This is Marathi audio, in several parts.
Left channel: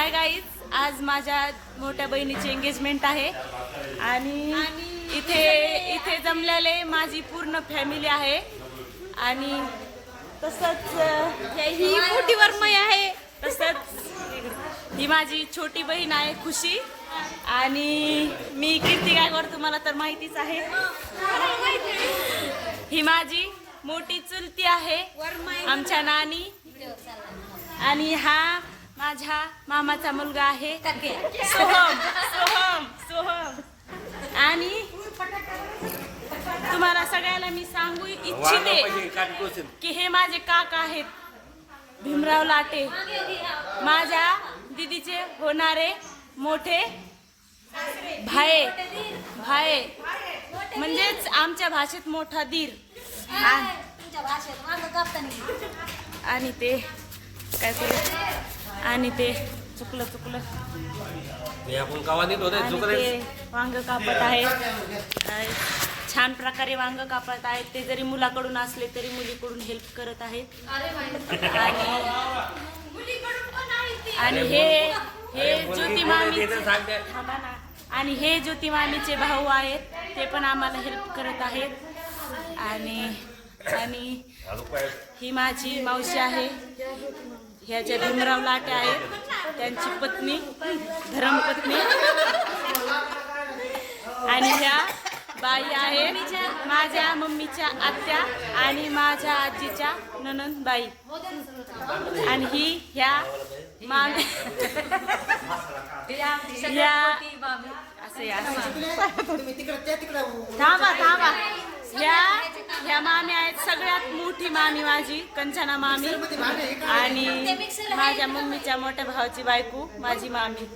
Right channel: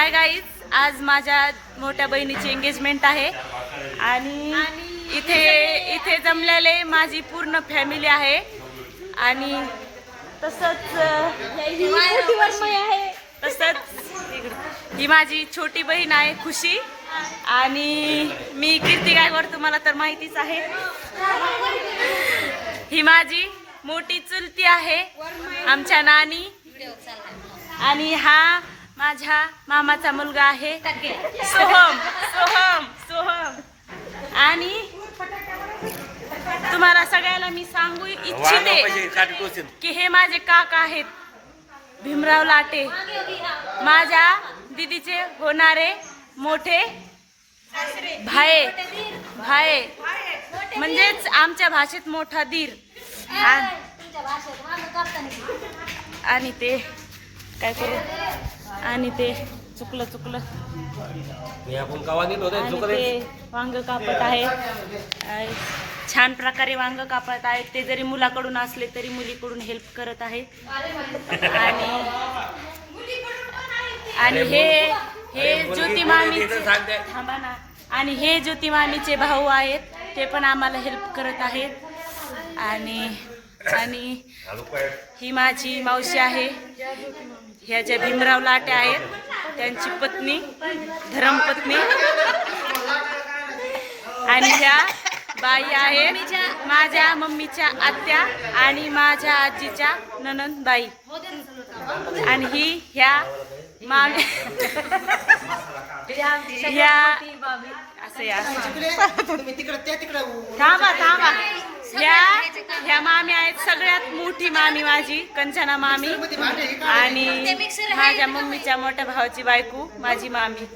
हाय गाईज आज माझ्या मोठ्या बहिणीची एंगेजमेंट आहे. आणि इथे इथे जमलेले माझी पूर्ण फॅमिली आहे. आणि तसंच ही मोठी वर्मय आहे. तसंच ही माझी छोटी बहीण आहे खुशी. आणि मी कीर्ती गायकवाड तुम्हाला तर माहितीच आहे. ही माझी मोठी चुलती आहे आमच्या नानी. आणि हा माझ्या मामाचा मुलगा आहे. सोहम सोहम सोहम. आणि तुम्हाला सगळ्याला मी सांगू इच्छिते की हे माझे काका आहेत. भीमराव लाटे. माझ्या दिदीचे होणारे मोठे भाये. भाये. म्हणजेच आमच्या भाषेत मोठा धीर आ- आणि ते काय करू? आणि ते चुकलं चुकलं. आणि ते वांग कापत आहेत अ, छान प्रकारे वांग कापत आहेत ते जरी मुलाकडून असले तरी मुलीकडून हेल्प करत आहेत आणि आणि हे हे ज्योती थांबा ना. आणि हे ज्योती मामीचे भाऊ आहेत. ते पण आम्हाला हेल्प करत आहेत. आणि आणि ही माझी मावशी आहे. ह्या ज्या भीमराव लाटे आहेत त्यांची पत्नी धर्मपत्नी आणि ह्या बाई आहेत माझ्या मम्मीच्या आत्या आणि माझ्या आजीच्या ननंद बाई आणि ही ह्या मा ह्या असं या थांबा थांबा ह्या ह्या मामी आहेत सगळ्यात मोठी मामी माझी कंचना मामी. आणि माझ्या मम्मीच्या मोठ्या भावाची बायको माझी मामी.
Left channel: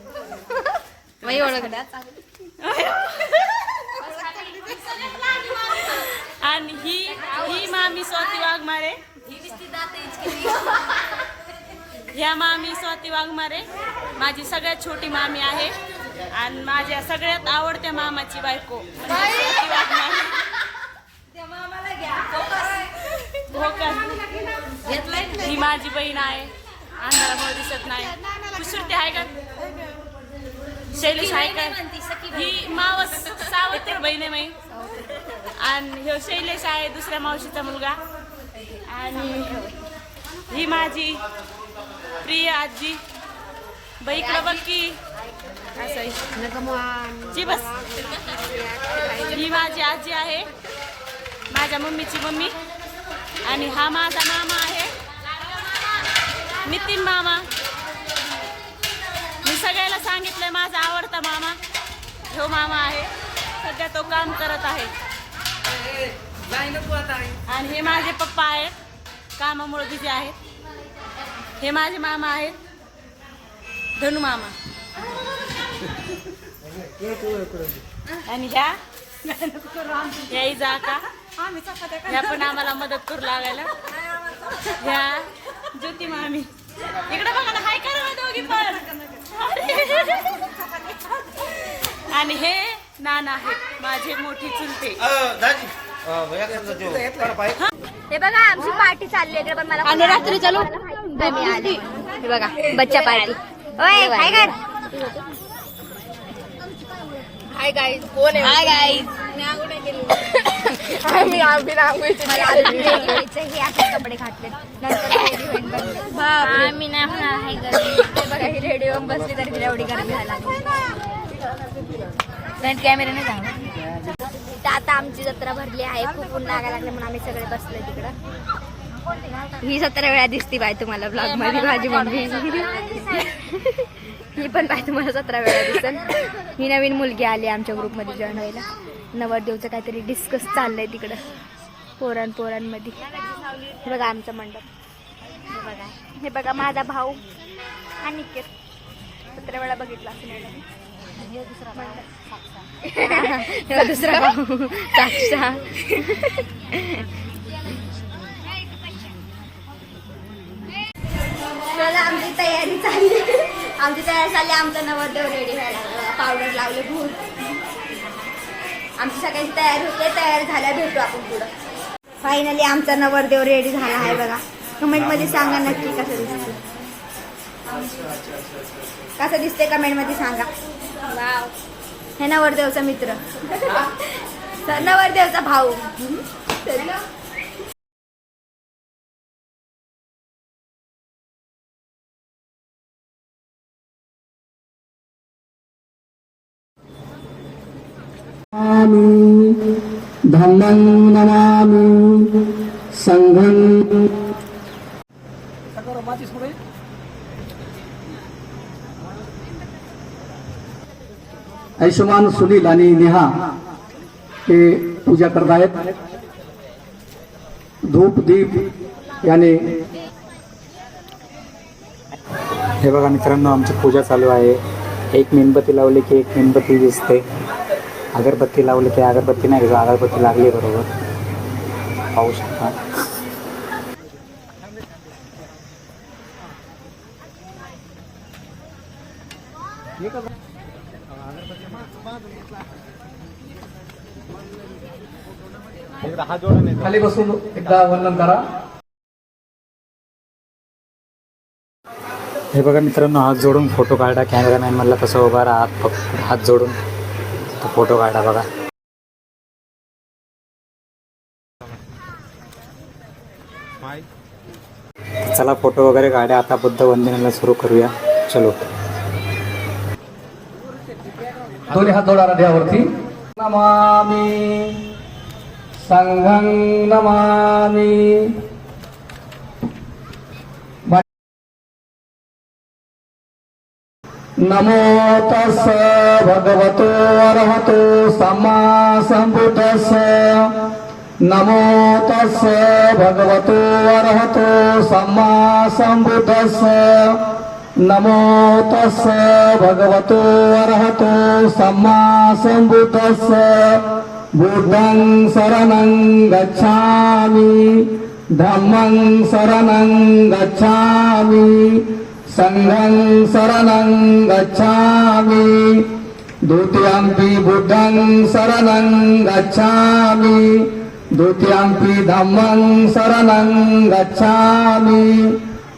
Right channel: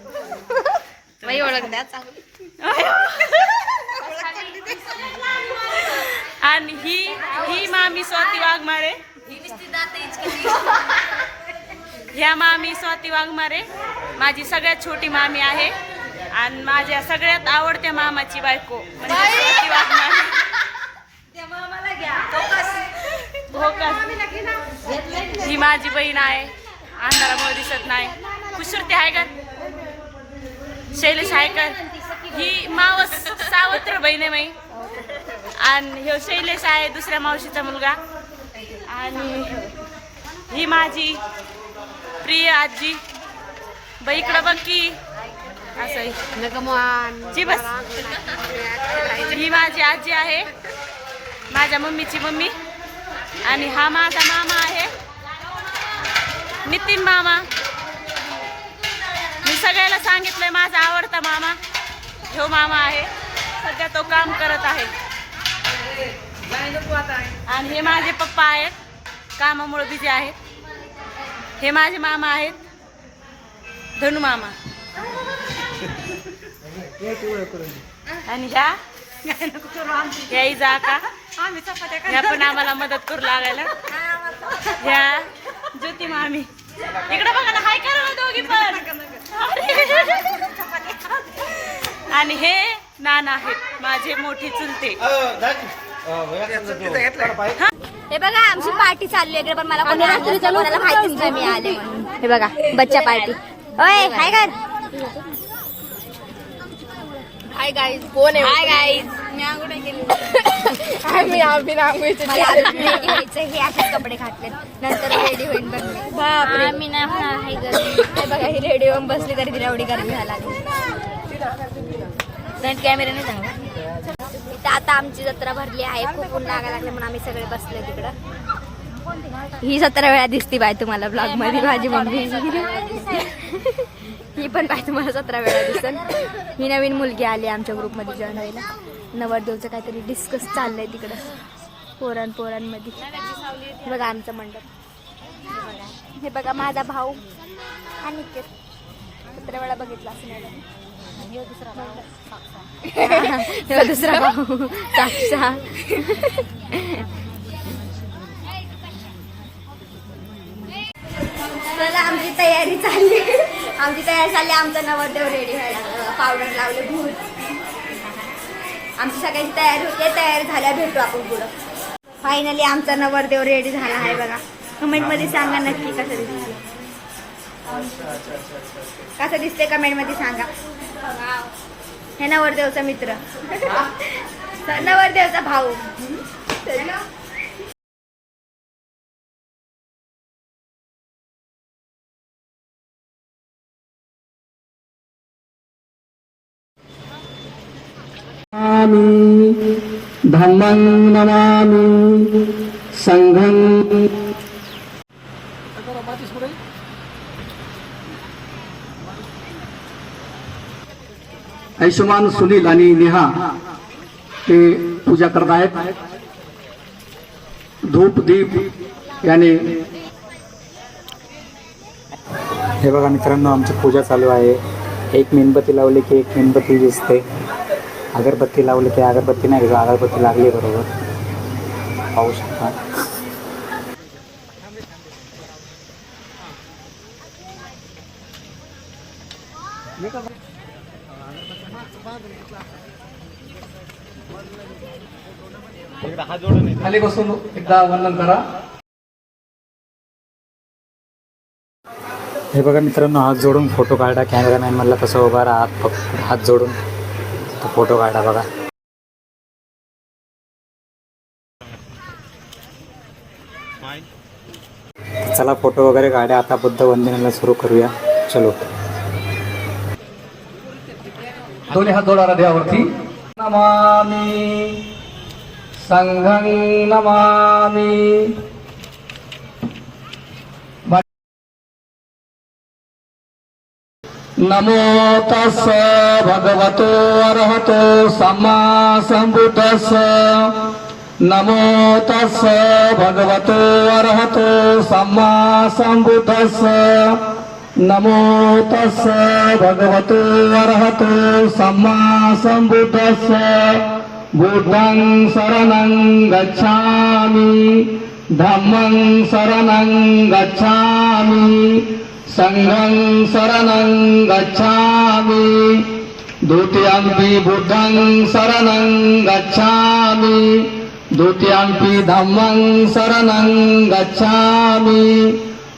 आणि ही ही मामी स्वाती वाघमारे. ह्या मामी स्वाती वाघमारे माझी सगळ्यात छोटी मामी आहे. आणि माझ्या सगळ्यात आवडत्या मामाची बायको म्हणजे स्वाती वाघमारे. हो का? ही माझी बहीण आहे. अंधारामुळे दिसत नाही. कुसुरती आहे का? शैलेश आहे का? ही मावस सावत्र बहीण आहे माई आणि ह्यो शैलेश आहे दुसऱ्या मावशीचा मुलगा. आणि ही माझी प्रिय आजी. बाई इकडं बघ की. असं आहे. जी बस. ही माझी आजी आहे. माझ्या मम्मीची मम्मी. आणि हा माझा मामा आहे. नितीन मामा. मी सगळ्याला सांगितलंय माझा आवडता मामा. ह्यो मामा आहे. सध्या तो काम करत आहे. आणि हे माझे पप्पा आहेत. कामामुळे बिझी आहेत. हे माझे मामा आहेत. धनु मामा. आणि ह्या? ह्याही जा का? ह्या पण आम्हाला मदत करू लागायला. ह्या ज्योती मामी. इकडे बघा ना हाय करा ना दोघी पण. आणि हे नाना आहेत माझे मोठी चुलते. हे. बघा आमची पार्टी चालली आहे पण मला कोणी रात्री चालू माहितीच नाही मिळाली हे बघा बच्चा पार्टी. ओय हाय कर. हाय गाईज कोण आहे? हाय गाईज मला हे घ्यायचं हे आता कपडे घातले नंतर बनले बापरे. मी नाही हे बघा ही रेडी होऊन बसली तरी तिला एवढी गर्दी व्हायला लागली. फ्रंट कॅमेऱ्याने जावं इथं आता आमची जत्रा भरली आहे खूप ऊन लागायला लागले म्हणून आम्ही सगळे बसलोय तिकडं. ही सतरा वेळा दिसती बाय तुम्हाला ब्लॉगमध्ये माझी मम्मी. ही पण बाय तुम्हाला सतरा वेळा दिसल. ही नवीन मुलगी आली आमच्या ग्रुपमध्ये जॉईन व्हायला. नवरदेवचं काहीतरी डिस्कस चाललंय तिकडं पोरां पोरांमध्ये. हे बघा आमचं मंडप. हे बघा माझा भाऊ आणि सतरा वेळा बघितला असं नाही ह्यो दुसरा भाऊ साक्षा चला आमची तयारी चालली. आमची तयारी चालली आमचा नवरदेव रेडी व्हायला. पावडर लावले भूत आमची सगळ्यांची तयारी होते तयारी झाल्या भेटू आपण पुढं. फायनली आमचा नवरदेव रेडी झाला आहे बघा. कमेंटमध्ये सांगा नक्की कसं दिसते कसं दिसते कमेंटमध्ये सांगा. हे नवरदेवचा मित्र. नवरदेवचा भाऊ. नमामि। धम्मं नमामि। संघं आयुष्यमान सुनील आणि नेहा ते पूजा करत आहेत. धूप दीप याने हे बघा मित्रांनो आमची पूजा चालू आहे. एक मेणबत्ती लावली की एक मेणबत्ती दिसते. अगरबत्ती लावली की अगरबत्ती नाही दिसत अगरबत्ती लागली बरोबर. पाहू शकता. खाली बसून एकदा वंदन करा. हे बघा मित्रांनो हात जोडून फोटो काढा. कॅमेरामॅन म्हणला तसं उभा राहा. हात फक्त हात जोडून. तो फोटो काढा बघा. चला फोटो वगैरे काढा आता बुद्ध वंदनाला सुरू करूया. चलो. दोन्ही हात जोडा हृदयावरती नमामी. संघं नमामी. నమో తస్స భగవతో అర్హతో సమ్మా సంబుద్ధస్స. నమో తస్స భగవతో అర్హతో సమ్మా సంబుద్ధస్స. నమో తస్స భగవతో అర్హతో సమ్మా సంబుద్ధస్స. బుద్ధం శరణం గచ్చామి ధమ్మం శరణం గచ్చామి संघं शरणं गच्छामि। द्वितीयम्पि बुद्धं शरणं गच्छामि। द्वितीयम्पि धम्मं शरणं गच्छामि।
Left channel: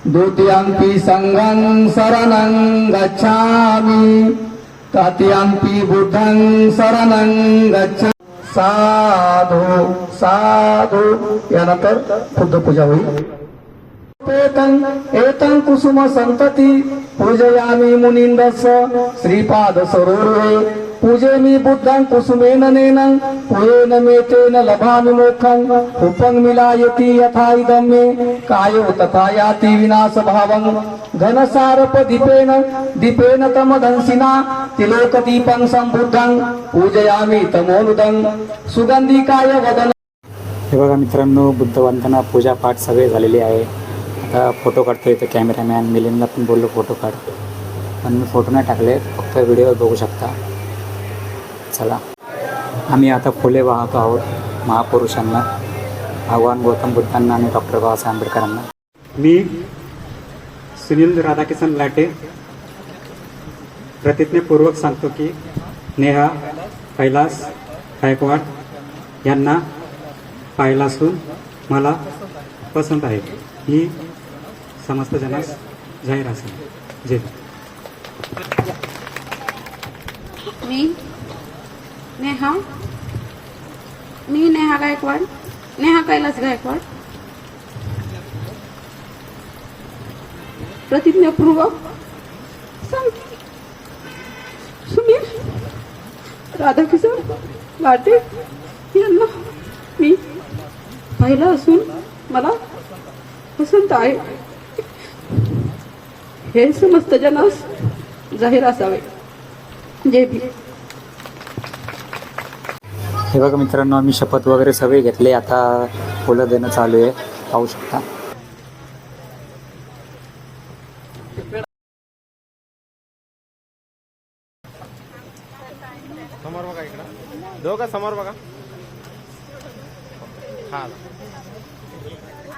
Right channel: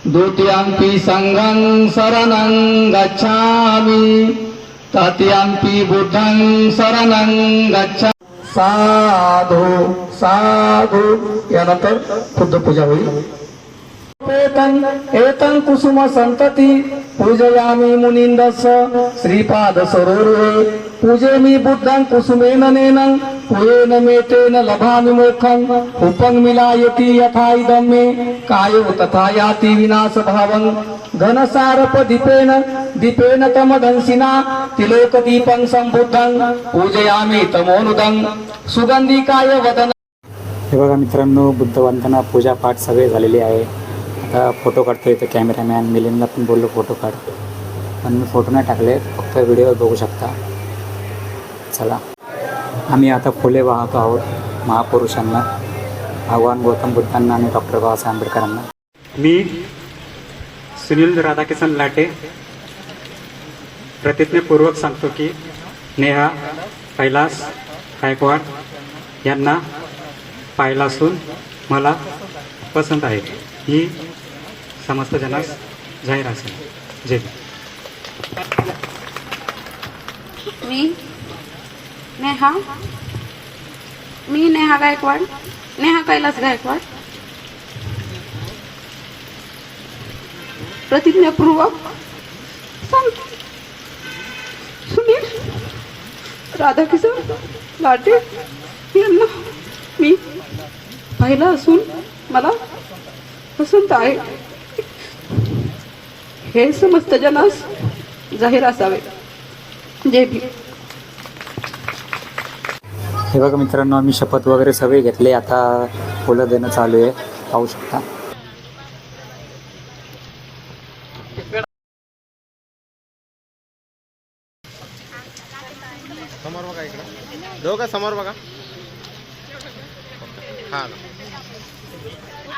द्वितीयम्पि सङ्घं शरणं गच्छामि। तृतीयम्पि बुद्धं शरणं गच्छामि साधु साधु यानंतर बुद्ध पूजा होईल. एतं एतं कुसुम संतती पूजयामि मुनिन्दस। श्रीपाद सरोरुहे पूजेमि बुद्धं कुसुमेन नेन पुरेन मे तेन लभामि मोक्षं उपं मिलायति यथा इदं मे। कायो तथा याति विनाशभावं। घनसारप दीपेन दीपेन तमदंसिना तिलोकदीपं संबुद्धं पूजयामि तमोनुदं। सुगन्धिकाय वदन हे बघा मित्रांनो बुद्ध वंदना पूजा पाठ सगळे झालेले आहे. आता फोटो काढतो इथं कॅमेरामॅन मिलिंदला पण बोललो फोटो काढ. पण मी फोटो नाही टाकले फक्त व्हिडिओ बघू शकता. चला. आम्ही आता फुले वाहतो आहोत महापुरुषांना. भगवान गौतम बुद्धांना आणि डॉक्टर बाबासाहेब आंबेडकरांना. मी सुनील राधाकिशन लाटे. प्रतिज्ञापूर्वक सांगतो की नेहा कैलास गायकवाड यांना पाहिला असून मला पसंत आहे. ही समस्त जनास जाहीर असेल. जय मी नेहा. मी नेहा गायकवाड. नेहा कैलास गायकवाड. प्रतिज्ञापूर्वक सांगतो. सुनील राधाकिशोर लाटे यांना मी पाहिलं असून मला पसंत आहे. हे समस्त जनास जाहीर असावे. जय भीम. हे बघा मित्रांनो आम्ही शपथ वगैरे सगळे घेतले. आता फुलं देणं चालू आहे. पाहू शकता. समोर बघा इकडं. दोघं समोर बघा. हा.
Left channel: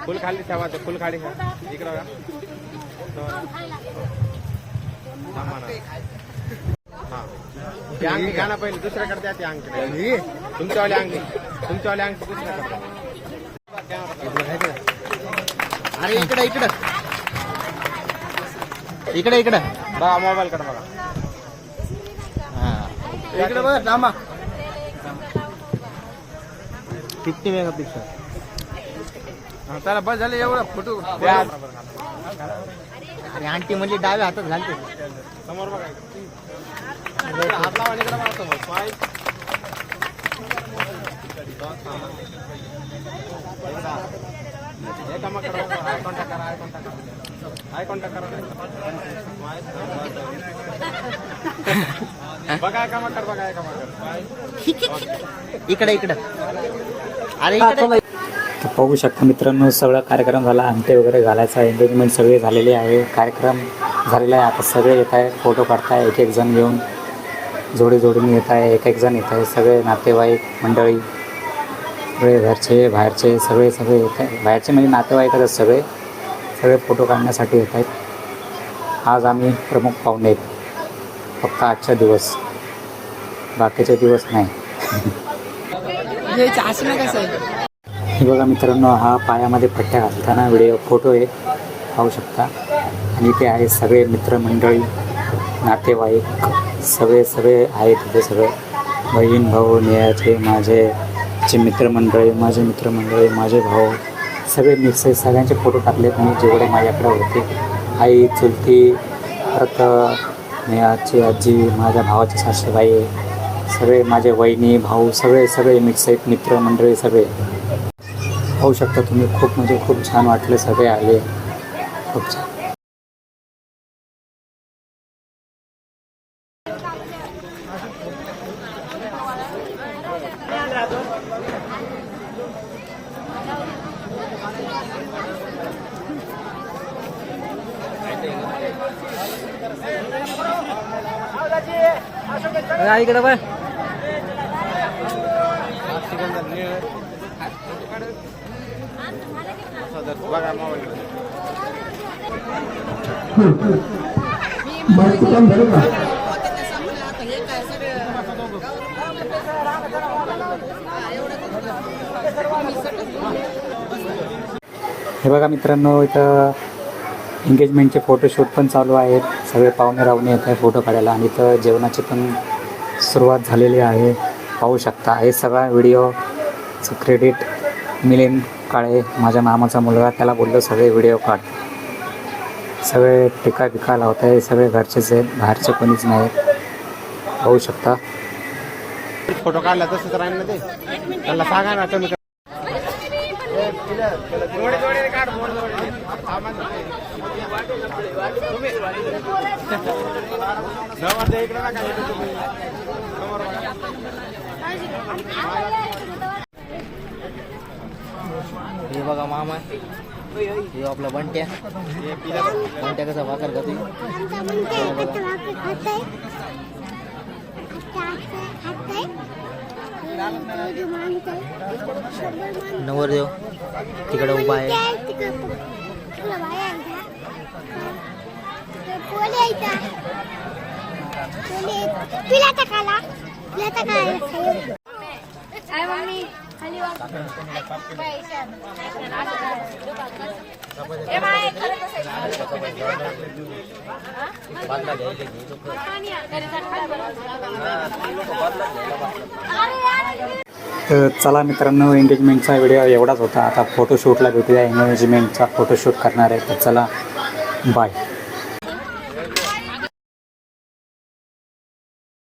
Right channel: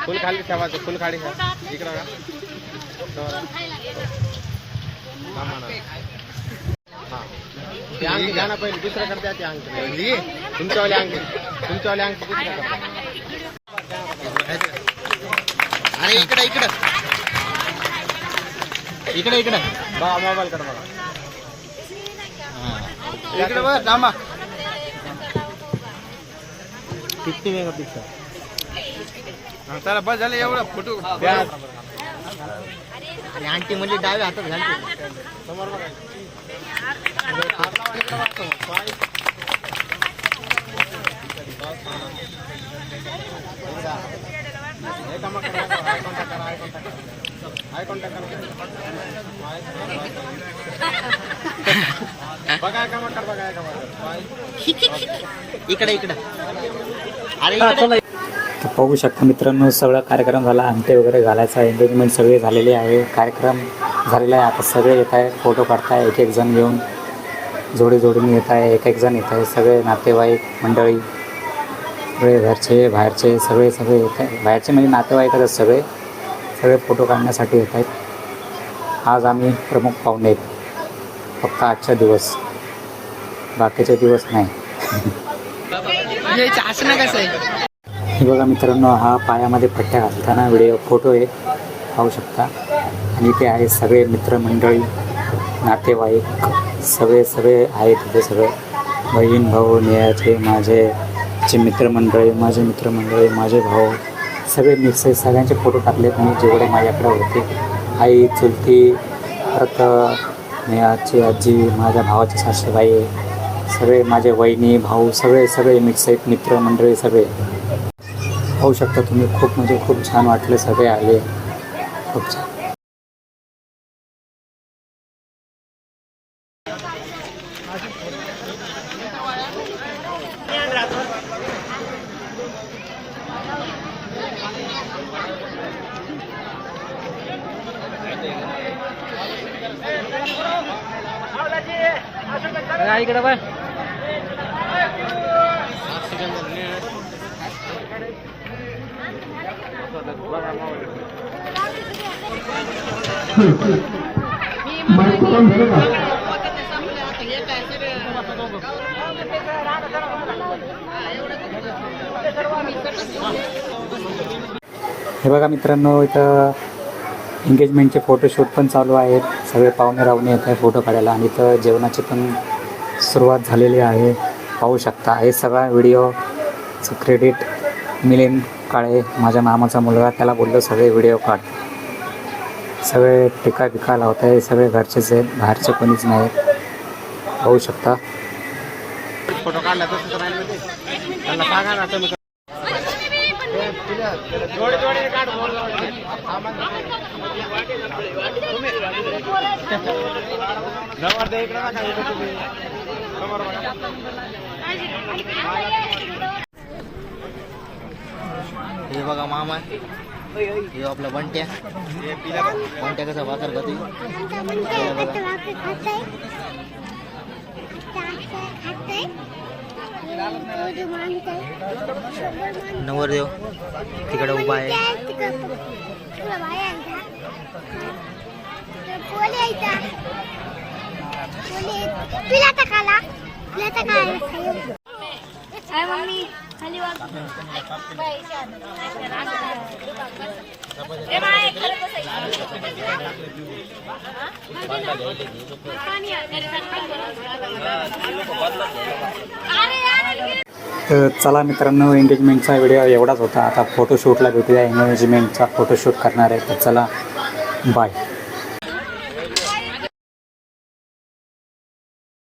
फुल खाली ठेवायचं फुल खाली ठेवा. इकडं बघा. हा. ती अंगठी घ्या ना पहिले दुसऱ्याकडे द्या ती अंगठी नाही. ही, तुमच्यावाली अंगठी तुमच्यावाली अंगठी दुसऱ्याकडे द्या. अरे इकडे इकडे इकडे इकडे बघा मोबाईल कडे बघा हा इकडे बघा थांबा फिफ्टी मेगा पिक्सल चला बस झाले एवढं फोटो अरे आंटी म्हणजे डाव्या हातात घालते समोर बघा इकडे हात लावा आणि इकडे बघा समोर. पाय. एकामेकाकडे बघा. Eye contact करा, eye contact करा. Eye contact करा. बघा एकामेकाकडे बघा एकामेकाकडे इकडे इकडे अरे इकडे तर पाहू शकता मित्रांनो सगळा कार्यक्रम झाला आमटे वगैरे घालायचा एंगेजमेंट सगळे झालेले आहे कार्यक्रम झालेला आहे. आता सगळे येत आहे फोटो काढताय एक एक जण घेऊन जोडी जोडीने येत आहे एक एक जण येत आहे सगळे नातेवाईक मंडळी सगळे घरचे बाहेरचे सगळे सगळे येत आहे बाहेरचे म्हणजे नातेवाईकच सगळे सगळे फोटो काढण्यासाठी येत आहेत. आज आम्ही प्रमुख पाहुणे आहेत. फक्त आजचा दिवस. बाकीचे दिवस नाही. हे बघा मित्रांनो हा पायामध्ये पट्ट्या घालताना व्हिडिओ फोटो आहे. पाहू शकता. आणि ते आहे सगळे मित्रमंडळी नातेवाईक सगळे सगळे आहेत तिथे सगळे. बहीण भाऊ नेहाचे माझे चे मित्रमंडळी माझे मित्रमंडळी माझे भाऊ. सगळे मिक्स आहे सगळ्यांचे फोटो टाकलेत मी जेवढे माझ्याकडे होते. आई चुलती परत नेहाची आजी माझ्या भावाची सासूबाई सगळे माझे वहिनी भाऊ सगळे सगळे मिक्स आहेत. मित्रमंडळी सगळे. पाहू शकता तुम्ही. खूप म्हणजे खूप छान वाटले सगळे आले. खूप छान. बघा. मोबाईल हे बघा मित्रांनो इथं एंगेजमेंटचे फोटोशूट पण चालू आहेत. सगळे पाहुणे रावणे येत आहे फोटो काढायला आणि इथं जेवणाची पण सुरुवात झालेली आहे. पाहू शकता हे सगळा व्हिडिओचं क्रेडिट मिलिंद काळे माझ्या मामाचा मुलगा त्याला बोललो सगळे व्हिडिओ काढ. सगळे टिका बिका लावत आहे सगळे घरचेच आहेत बाहेरचे कोणीच नाहीत पाहू शकता. फोटो काढला सांगा ना हे बघा मामा. हे आपला बंट्या. बंट्या कसा भाकर खाते बघा. नवरदेव तिकडे उभा आहे तुला टाकाला तुला टाकायला मम्मी खाली तर चला मित्रांनो एंगेजमेंटचा व्हिडिओ एवढाच होता. आता फोटोशूटला भेटूया. एंगेजमेंटचा फोटोशूट करणार आहे. तर चला बाय